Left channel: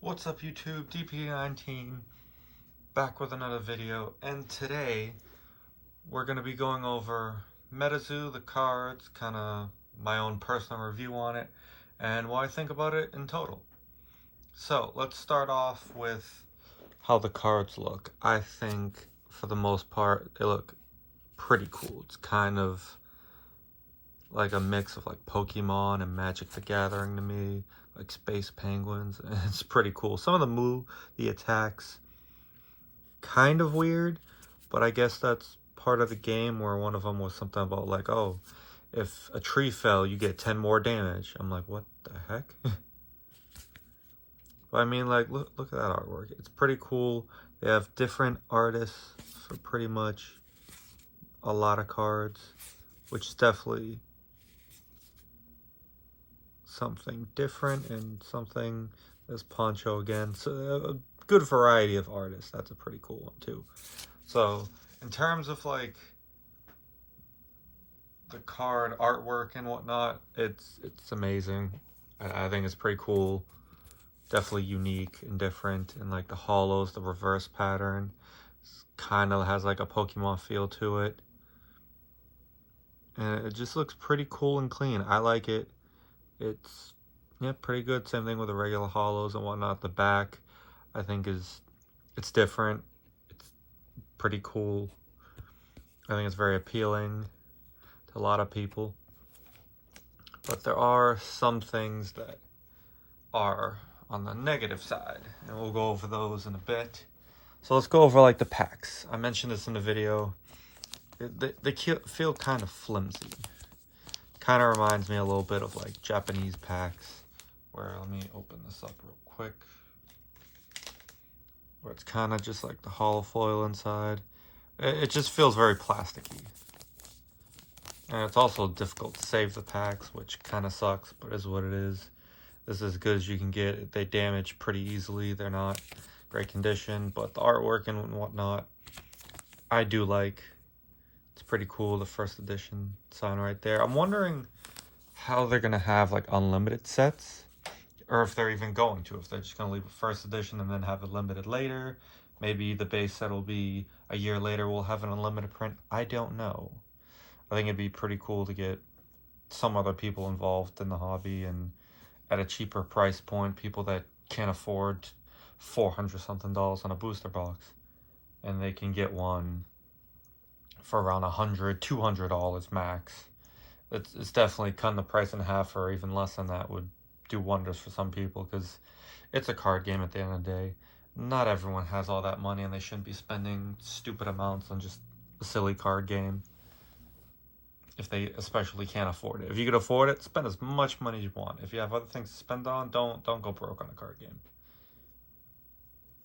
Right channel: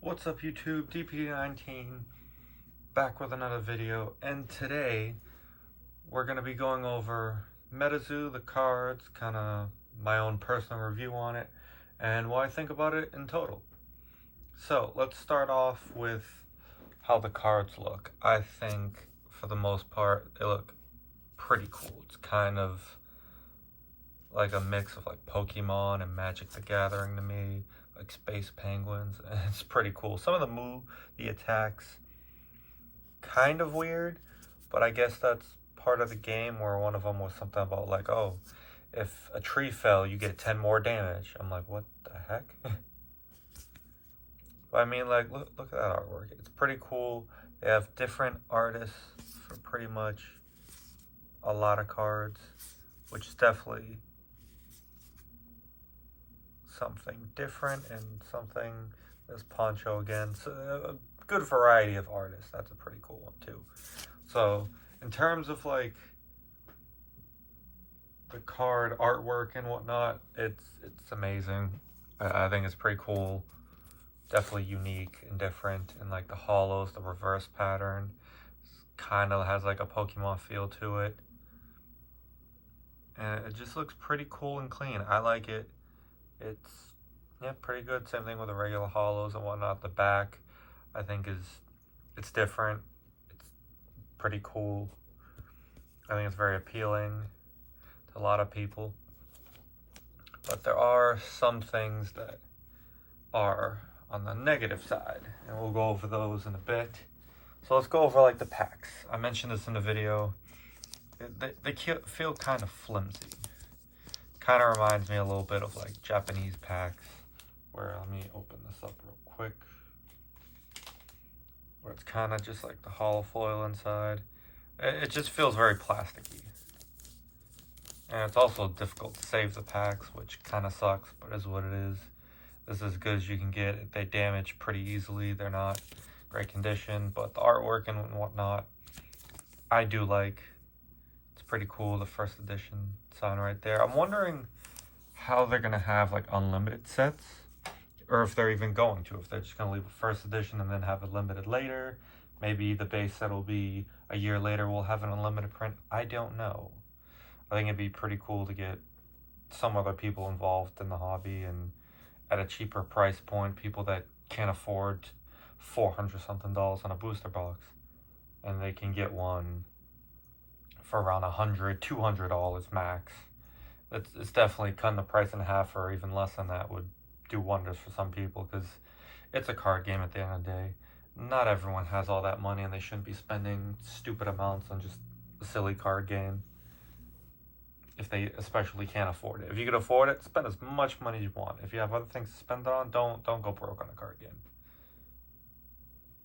What's up YouTube, DP19 back with another video, and today we're going to be going over Metazoo, the cards, kind of my own personal review on it, and what I think about it in total. So let's start off with how the cards look. I think for the most part they look pretty cool. It's kind of like a mix of like Pokemon and Magic the Gathering to me, like Space Penguins. It's pretty cool. Some of the attacks, kind of weird, but I guess that's part of the game, where one of them was something about like, oh, if a tree fell, you get 10 more damage. I'm like, what the heck? But I mean, like, look at that artwork. It's pretty cool. They have different artists for pretty much a lot of cards, which is definitely something different and something as Poncho again. So a good variety of artists. That's a pretty cool one too. So in terms of like the card artwork and whatnot, it's amazing. I think it's pretty cool. Definitely unique and different. And like the hollows, the reverse pattern kind of has like a Pokemon feel to it. And it just looks pretty cool and clean. I like it. It's, yeah, pretty good. Same thing with the regular hollows and whatnot. The back, I think, it's different. It's pretty cool. I think it's very appealing to a lot of people. But there are some things that are on the negative side, and we'll go over those in a bit. So let's go over like the packs. I mentioned this in the video. They feel kind of flimsy. Kind of reminds me a little bit of like Japanese packs, where, let me open this up real quick, where it's kind of just like the hollow foil inside. It just feels very plasticky. And it's also difficult to save the packs, which kind of sucks, but is what it is. This is as good as you can get. They damage pretty easily. They're not great condition, but the artwork and whatnot, I do like. It's pretty cool, the first edition sign right there. I'm wondering how they're going to have like unlimited sets, or if they're even going to, if they're just going to leave a first edition and then have it limited later. Maybe the base set will be a year later, we'll have an unlimited print. I don't know. I think it'd be pretty cool to get some other people involved in the hobby, and at a cheaper price point, people that can't afford $400 something on a booster box, and they can get one for around $100, $200 max. It's definitely cutting the price in half, or even less than that would do wonders for some people, because it's a card game at the end of the day. Not everyone has all that money, and they shouldn't be spending stupid amounts on just a silly card game, if they especially can't afford it. If you can afford it, spend as much money as you want. If you have other things to spend it on, don't go broke on a card game.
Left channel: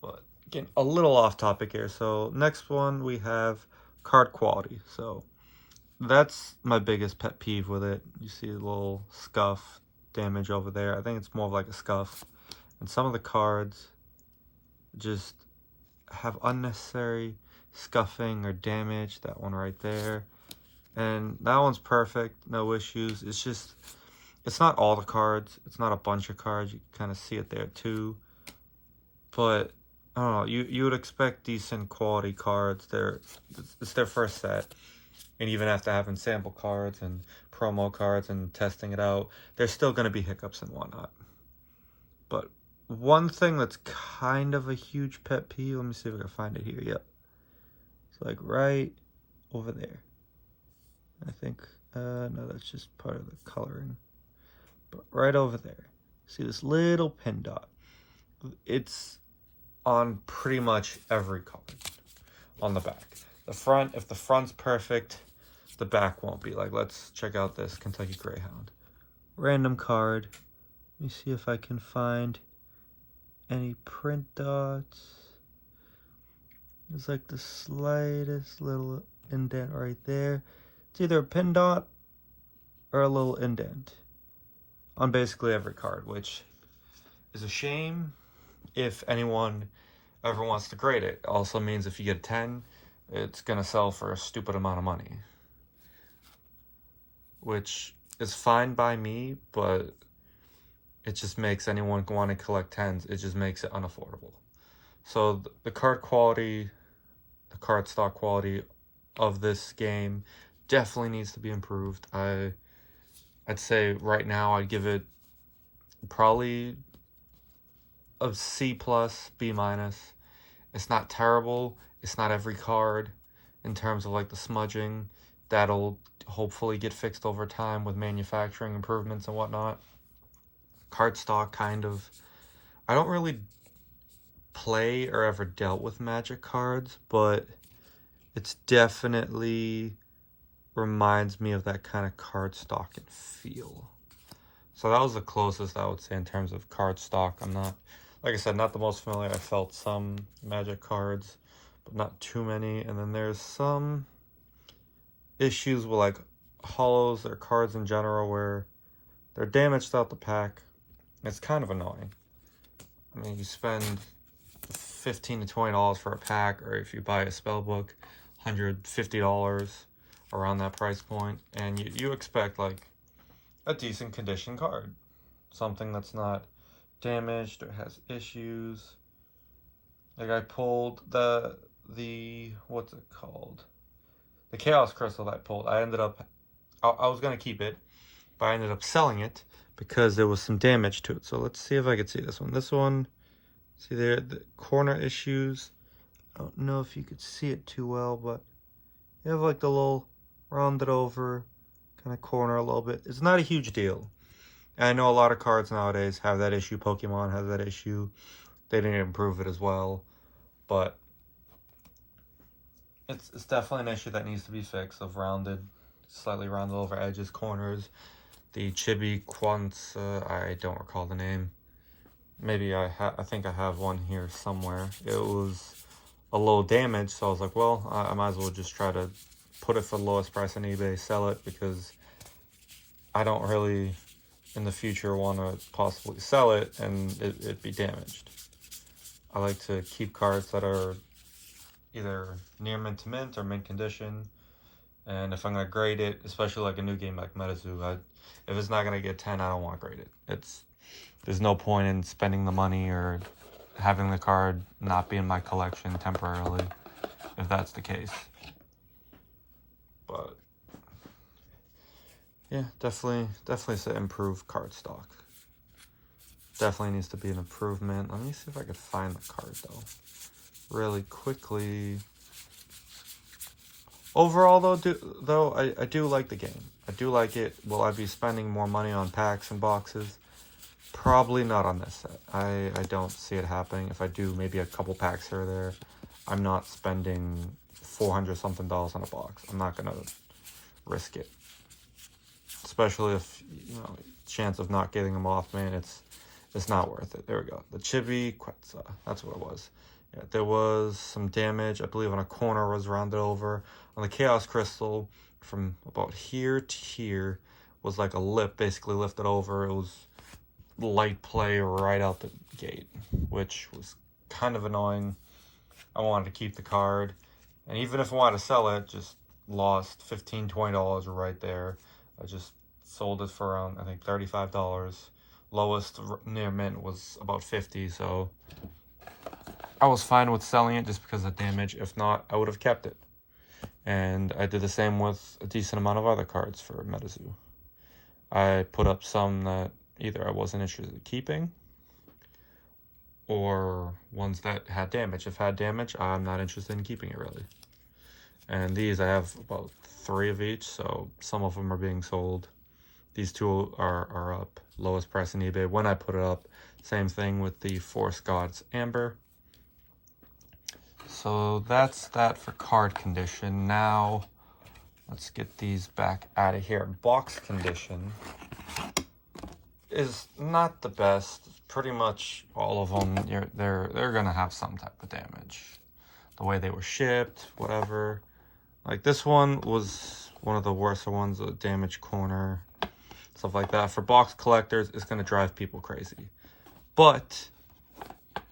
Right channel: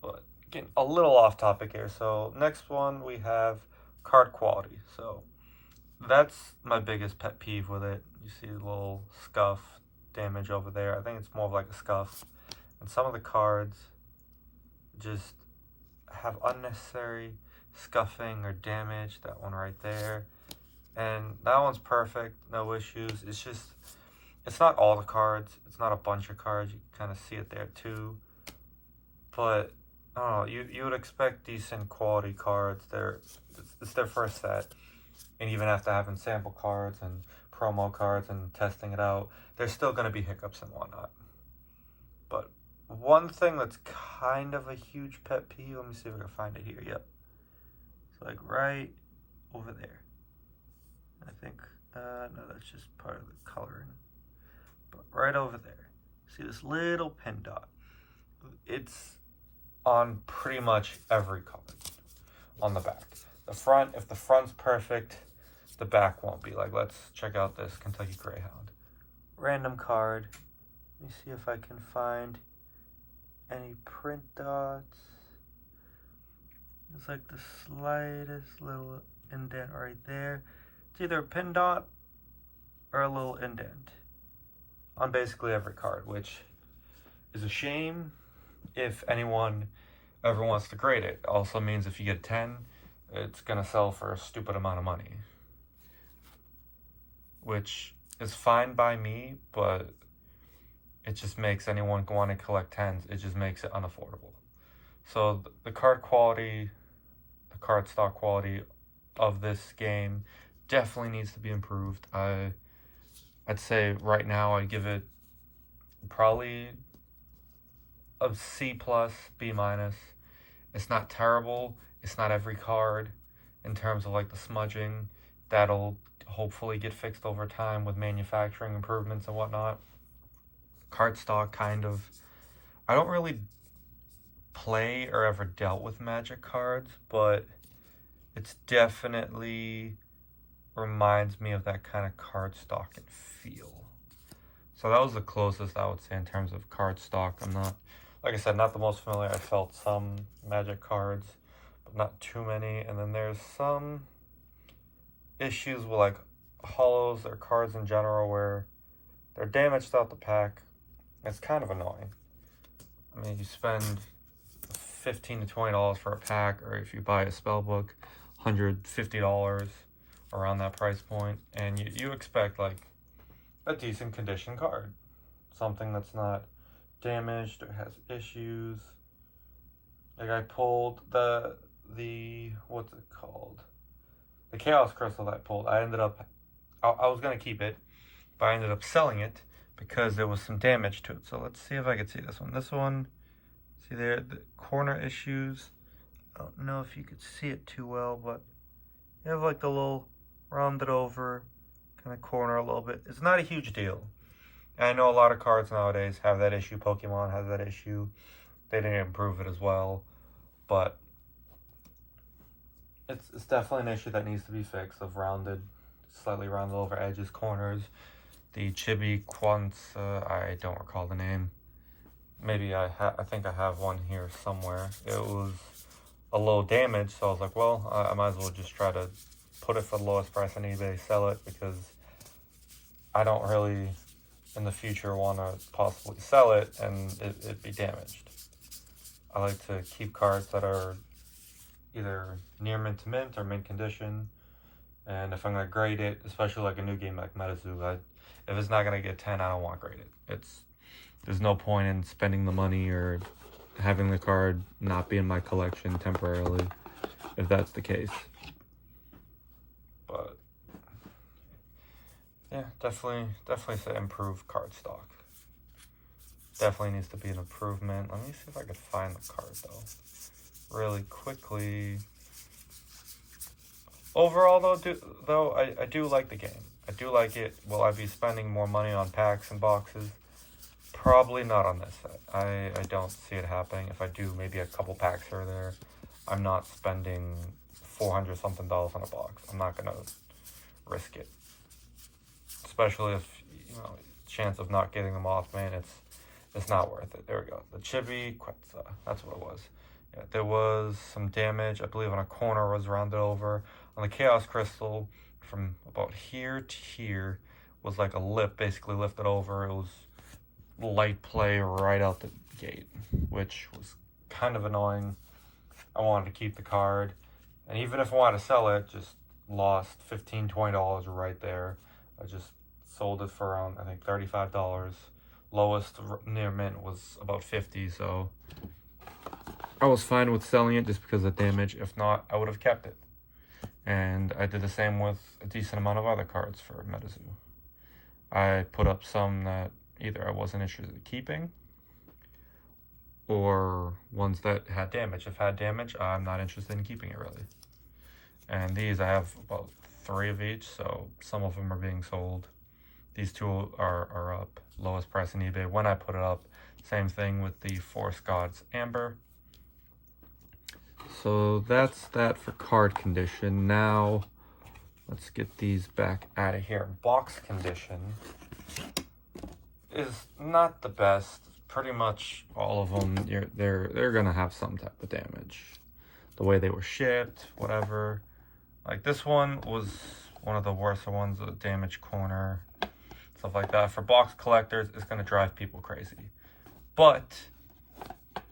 But getting a little off topic here. So next one, we have card quality. So that's my biggest pet peeve with it. You see a little scuff damage over there. I think it's more of like a scuff. And some of the cards just have unnecessary scuffing or damage. That one right there. And that one's perfect, no issues. It's just, it's not all the cards. It's not a bunch of cards. You can kind of see it there too. But I don't know, you would expect decent quality cards. It's their first set. And even after having sample cards and promo cards and testing it out, there's still going to be hiccups and whatnot. But one thing that's kind of a huge pet peeve, let me see if I can find it here. Yep. It's like right over there. I think, no, that's just part of the coloring. But right over there, see this little pin dot? It's on pretty much every card on the back. The front, if the front's perfect, the back won't be. Like, let's check out this Kentucky Greyhound. Random card. Let me see if I can find any print dots. There's like the slightest little indent right there. It's either a pin dot or a little indent on basically every card, which is a shame if anyone ever wants to grade it. Also means if you get 10, it's going to sell for a stupid amount of money, which is fine by me, but it just makes anyone want to collect 10s. It just makes it unaffordable. So the card quality, the card stock quality of this game definitely needs to be improved. I'd say right now I'd give it probably a C+, B-. It's not terrible. It's not every card in terms of like the smudging. That'll hopefully get fixed over time with manufacturing improvements and whatnot. Card stock kind of... I don't really play or ever dealt with Magic cards, but it's definitely reminds me of that kind of card stock and feel. So that was the closest I would say in terms of card stock. I'm not, like I said, not the most familiar. I felt some Magic cards, but not too many. And then there's some issues with like holos or cards in general where they're damaged out the pack. It's kind of annoying. I mean, you spend $15 to $20 for a pack, or if you buy a spell book, $150 around that price point, and you expect like a decent condition card, something that's not damaged or has issues. Like I pulled the what's it called, the Chaos Crystal that I pulled. I ended up, I was gonna keep it, but I ended up selling it because there was some damage to it. So let's see if I could see this one. This one, see there, the corner issues. I don't know if you could see it too well, but you have like the little rounded over kind of corner a little bit. It's not a huge deal. And I know a lot of cards nowadays have that issue. Pokemon has that issue. They didn't improve it as well, but it's definitely an issue that needs to be fixed, of rounded, slightly rounded over edges, corners. The Chibi Quants, I don't recall the name. Maybe I think I have one here somewhere. It was a little damaged, so I was like, well, I might as well just try to put it for the lowest price on eBay, sell it, because I don't really in the future want to possibly sell it and it be damaged. I like to keep cards that are either near mint to mint or mint condition, and if I'm going to grade it, especially like a new game like Metazoo, if it's not going to get 10, I don't want to grade it. There's no point in spending the money or having the card not be in my collection temporarily, if that's the case. But yeah, definitely say improve card stock. Definitely needs to be an improvement. Let me see if I could find the card though, really quickly. Overall though, I do like the game. I do like it. Will I be spending more money on packs and boxes? Probably not on this set. I don't see it happening. If I do, maybe a couple packs here or there. I'm not spending $400 something on a box. I'm not gonna risk it, especially if chance of not getting them off, man. It's not worth it. There we go. The Chibi Quetzal. That's what it was. Yeah, there was some damage. I believe on a corner was rounded over. On the Chaos Crystal, from about here to here was like a lip, basically lifted over. It was light play right out the gate, which was kind of annoying. I wanted to keep the card, and even if I wanted to sell it, just lost $15, $20 right there. I just sold it for around, I think, $35. Lowest near mint was about $50, so I was fine with selling it just because of damage. If not, I would have kept it. And I did the same with a decent amount of other cards for Metazoo. I put up some that either I wasn't interested in keeping, or ones that had damage. If had damage, I'm not interested in keeping it, really. And these, I have about 3 of each, so some of them are being sold. These 2 are up. Lowest price on eBay when I put it up. Same thing with the Forest Gods Amber. So that's that for card condition. Now, let's get these back out of here. Box condition is not the best. Pretty much all of them, they're gonna have some type of damage. The way they were shipped, whatever. Like this one was one of the worst ones, a damaged corner, stuff like that. For box collectors, it's gonna drive people crazy. But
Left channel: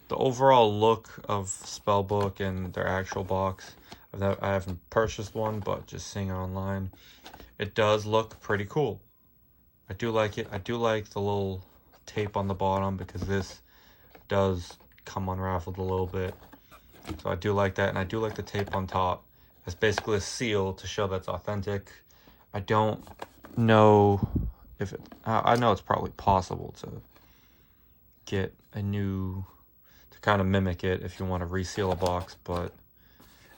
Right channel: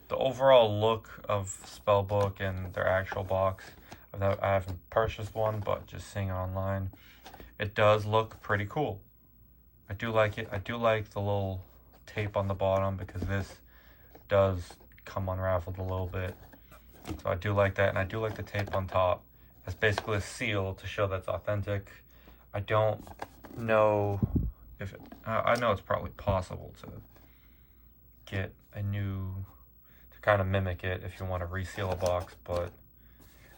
the overall look of Spellbook and their actual box, I haven't purchased one, but just seeing it online, it does look pretty cool. I do like it. I do like the little tape on the bottom because this does come unraveled a little bit. So I do like that, and I do like the tape on top. It's basically a seal to show that's authentic. I don't know if I know it's probably possible to get a new, to kind of mimic it if you want to reseal a box, but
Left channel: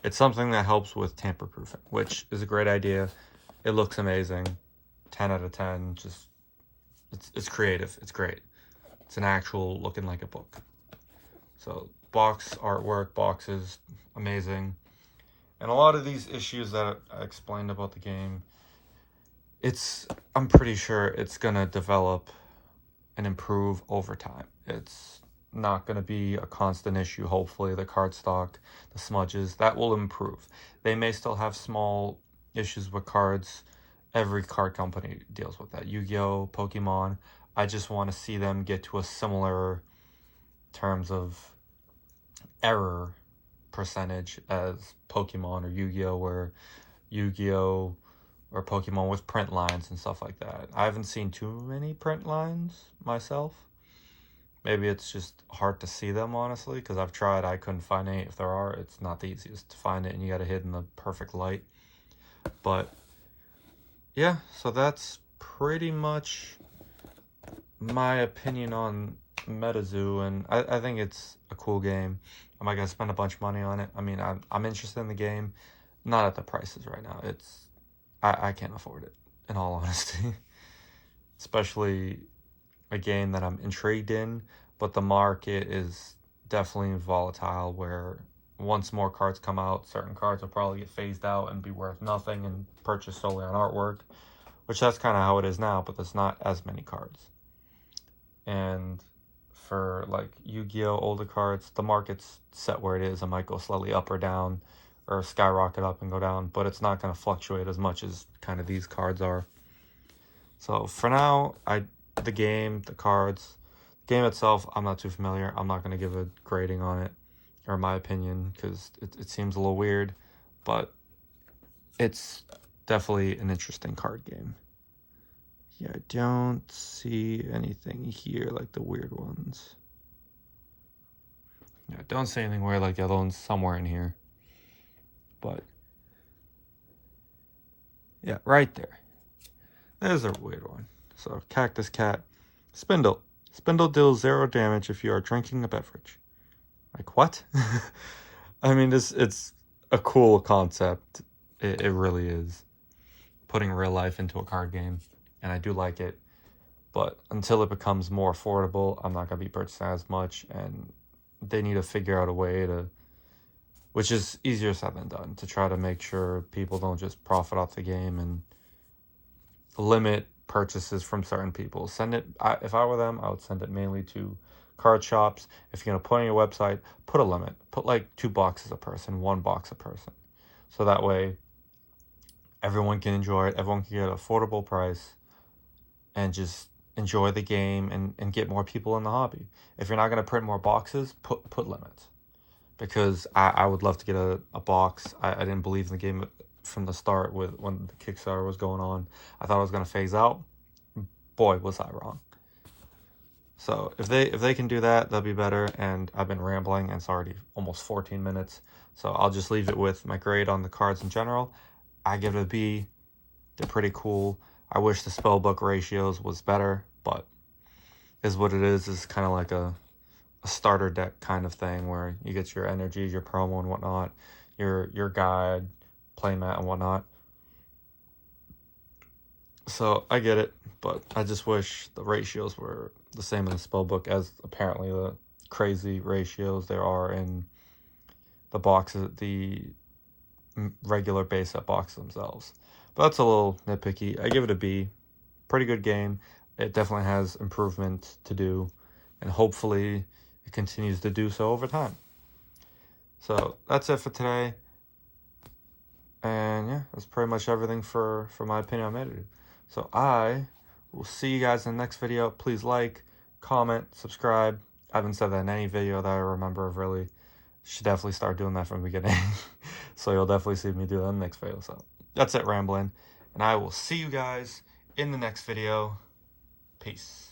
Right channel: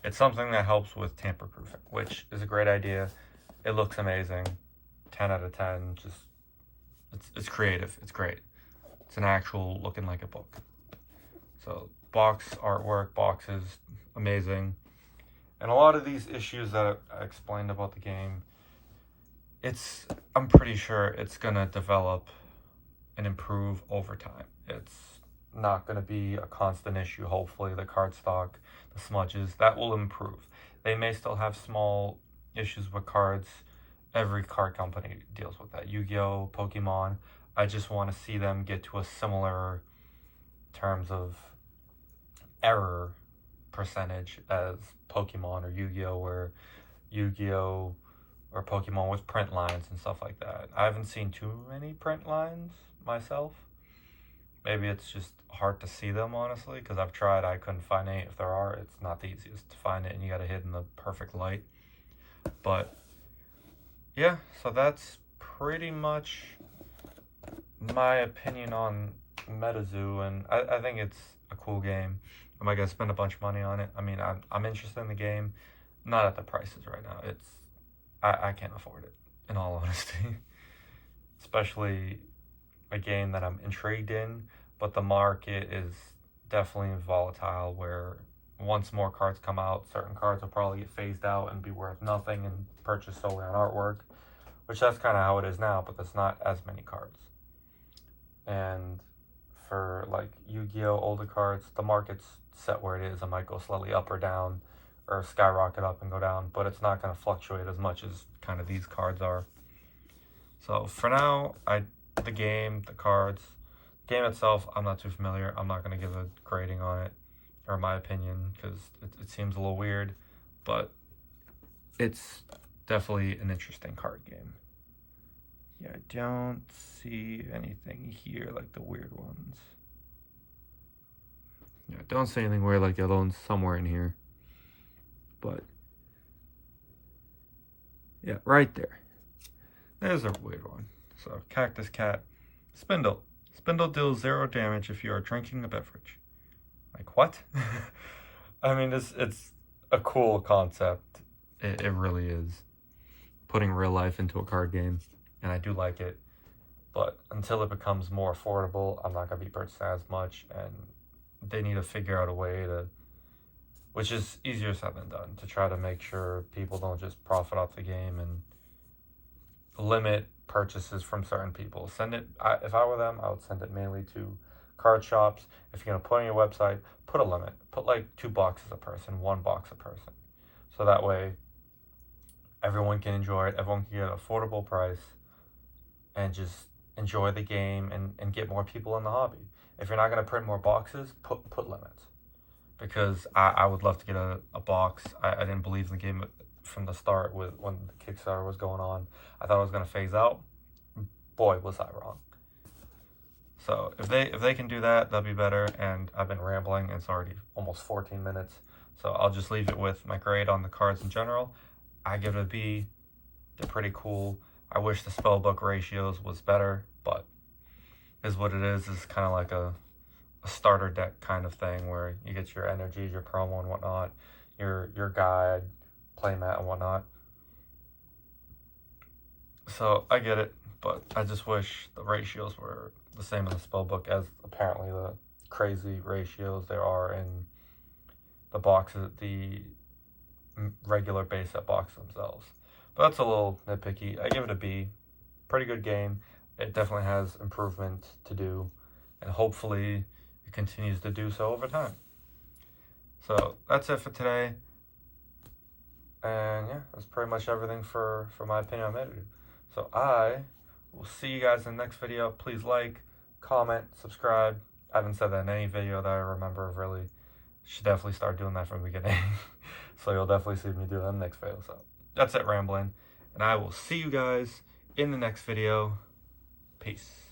it's something that helps with tamper proofing, which is a great idea. It looks amazing. 10 out of 10. Just it's creative. It's great. It's an actual looking like a book. So box artwork, boxes, amazing. And a lot of these issues that I explained about the game, I'm pretty sure it's gonna develop and improve over time. It's not gonna be a constant issue. Hopefully the cardstock, the smudges, that will improve. They may still have small issues with cards. Every card company deals with that. Yu-Gi-Oh, Pokemon. I just want to see them get to a similar terms of error percentage as Pokemon or Yu-Gi-Oh, where Yu-Gi-Oh or Pokemon with print lines and stuff like that. I haven't seen too many print lines myself. Maybe it's just hard to see them, honestly, because I've tried. I couldn't find any. If there are, it's not the easiest to find it, and you got to hit in the perfect light. But yeah, so that's pretty much my opinion on Metazoo, and I think it's a cool game. Am I gonna spend a bunch of money on it? I mean, I'm interested in the game, not at the prices right now. I can't afford it, in all honesty. Especially a game that I'm intrigued in, but the market is definitely volatile, where once more cards come out, certain cards will probably get phased out and be worth nothing and purchased solely on artwork, which that's kind of how it is now, but there's not as many cards. And for like Yu-Gi-Oh older cards, the market's set where it is. It might go slowly up or down, or skyrocket up and go down, but it's not going to fluctuate as much as kind of these cards are. So for now, the game, the cards, the game itself, I'm not too familiar. I'm not going to give a grading on it, or my opinion, because it seems a little weird, but it's definitely an interesting card game. Yeah, I don't see anything here like the weird ones. Yeah, I don't see anything weird like the other ones somewhere in here. But yeah, right there. There's a weird one. So, Cactus Cat. Spindle. Spindle deals 0 damage if you are drinking a beverage. Like, what? I mean, it's a cool concept. It really is. Putting real life into a card game. And I do like it. But until it becomes more affordable, I'm not going to be purchasing as much. And they need to figure out a way to, which is easier said than done, to try to make sure people don't just profit off the game and limit purchases from certain people. If I were them, I would send it mainly to card shops. If you're going to put on your website, put a limit. Put like 2 boxes a person, 1 box a person. So that way everyone can enjoy it. Everyone can get an affordable price and just enjoy the game and get more people in the hobby. If you're not going to print more boxes, put limits. Because I would love to get a box. I didn't believe in the game from the start when the Kickstarter was going on. I thought it was going to phase out. Boy, was I wrong. So if they can do that, that'd be better. And I've been rambling, and it's already almost 14 minutes. So I'll just leave it with my grade on the cards in general. I give it a B. They're pretty cool. I wish the spellbook ratios was better, but is what it is. It's kind of like a starter deck kind of thing where you get your energies, your promo and whatnot, your guide, playmat and whatnot. So I get it, but I just wish the ratios were the same in the spellbook as apparently the crazy ratios there are in the boxes, the regular base set boxes themselves. But that's a little nitpicky. I give it a B. Pretty good game. It definitely has improvement to do, and hopefully it continues to do so over time. So that's it for today. And yeah, that's pretty much everything for my opinion on Metazoo. So I will see you guys in the next video. Please like, comment, subscribe. I haven't said that in any video that I remember of really. Should definitely start doing that from the beginning. So you'll definitely see me do that in the next video. So that's it, rambling. And I will see you guys in the next video. Peace.